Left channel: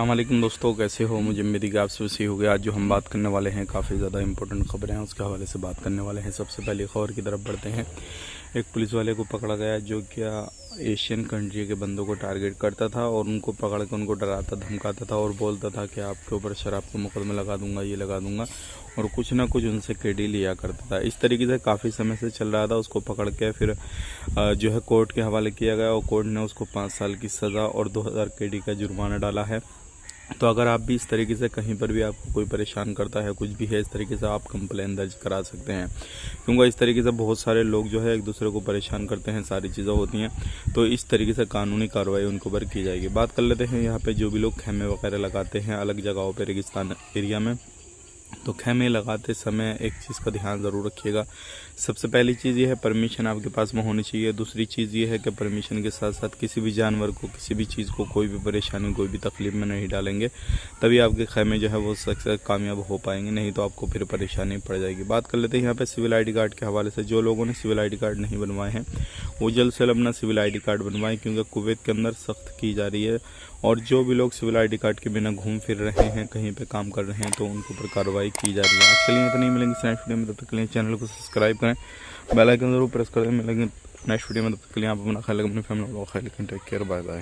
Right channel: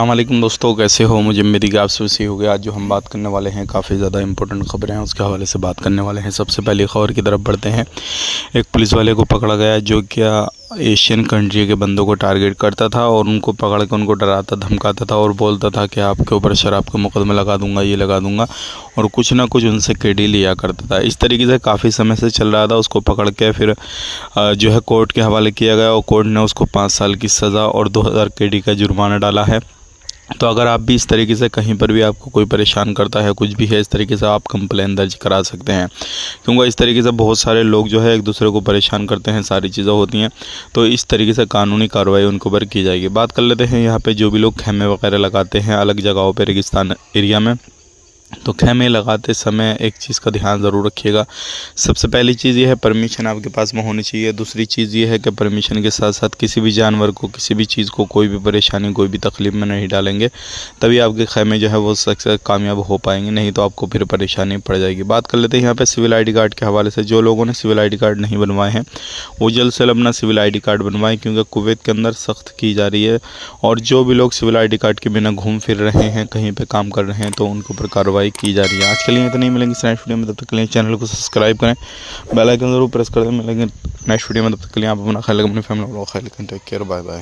अस्सलामुअलैकुम दोस्तों, कैसे हो? मुझे उम्मीद है आप सबसे हो गया। आज जो हम बात करने वाले हैं काफ़ी ज़्यादा इंपॉर्टेंट खबरें हैं, उसके हवाले से बात करने वाले हैं। सबसे पहले खबर की तरफ बढ़ते हैं। एक पुलिस वाले को पकड़ा गया जो क्या एशियन कंट्री के बंदों को टारगेट करता था और उनको पकड़ के उनको डराता धमकाता था और बोलता था कि आपके ऊपर शराब का मुकदमा लगा दूंगा, ये लगा दूंगा, और कुछ ना कुछ उनसे केडी लिया करता था। इस तरीके से काफ़ी समय से चल रहा था। उसको पकड़ के फिर जो है कोर्ट के हवाले किया गया और कोर्ट ने उसको 5 साल की सज़ा और 2000 केडी का जुर्माना डाला है। तो अगर आप भी इस तरीके से कहीं पर भी आपको कोई परेशान करता है, कुछ भी है इस तरीके से, आप कंप्लेन दर्ज करा सकते हैं, क्योंकि इस तरीके से बहुत सारे लोग जो है एक दूसरे को परेशान करते हैं, सारी चीज़ें होती हैं। तो इस तरीके से कानूनी कार्रवाई उनके ऊपर की जाएगी। बात कर लेते हैं यहाँ पे जो भी लोग खेमे वगैरह लगाते हैं अलग जगहों पर, रेगिस्तान एरिया में, तो खेमे लगाते समय एक चीज़ का ध्यान ज़रूर रखिएगा। सबसे पहली चीज़ ये है, परमिशन आपके पास में होनी चाहिए। दूसरी चीज़ ये है कि परमिशन के साथ साथ किसी भी जानवर को, किसी भी चीज़ को, कोई भी परेशानी, कोई भी तकलीफ़ में नहीं डालेंगे, तभी आपके खेमे जो है वो सक्सेस कामयाब हो पाएंगे, नहीं तो आपको फिर परेशानी पड़ जाएगी। बात कर लेते हैं यहाँ पर सिविल ID कार्ड के हवाले से। जो लोगों ने सिविल ID कार्ड नहीं बनवाए हैं वो जल्द से जल्द अपना सिविल ID कार्ड बनवाएं, क्योंकि कुवैत के अंदर सख्त की जा रही है और जो भी लोग सिविल ID कार्ड के बिना घूम फिर रहे हैं, कहीं पे काम कर रहे हैं, तो उनके ऊपर कार्रवाई की जा रही है। आज के लिए इतना ही, मिलेंगे नेक्स्ट वीडियो में। तब तक के लिए चैनल को सब्सक्राइब करें, बेल आइकन जरूर प्रेस कर दें। मिलेंगे नेक्स्ट वीडियो में, तब तक के लिए आप अपना ख्याल रखें, अपनी फैमिली को ख्याल रखें। Take care, bye bye.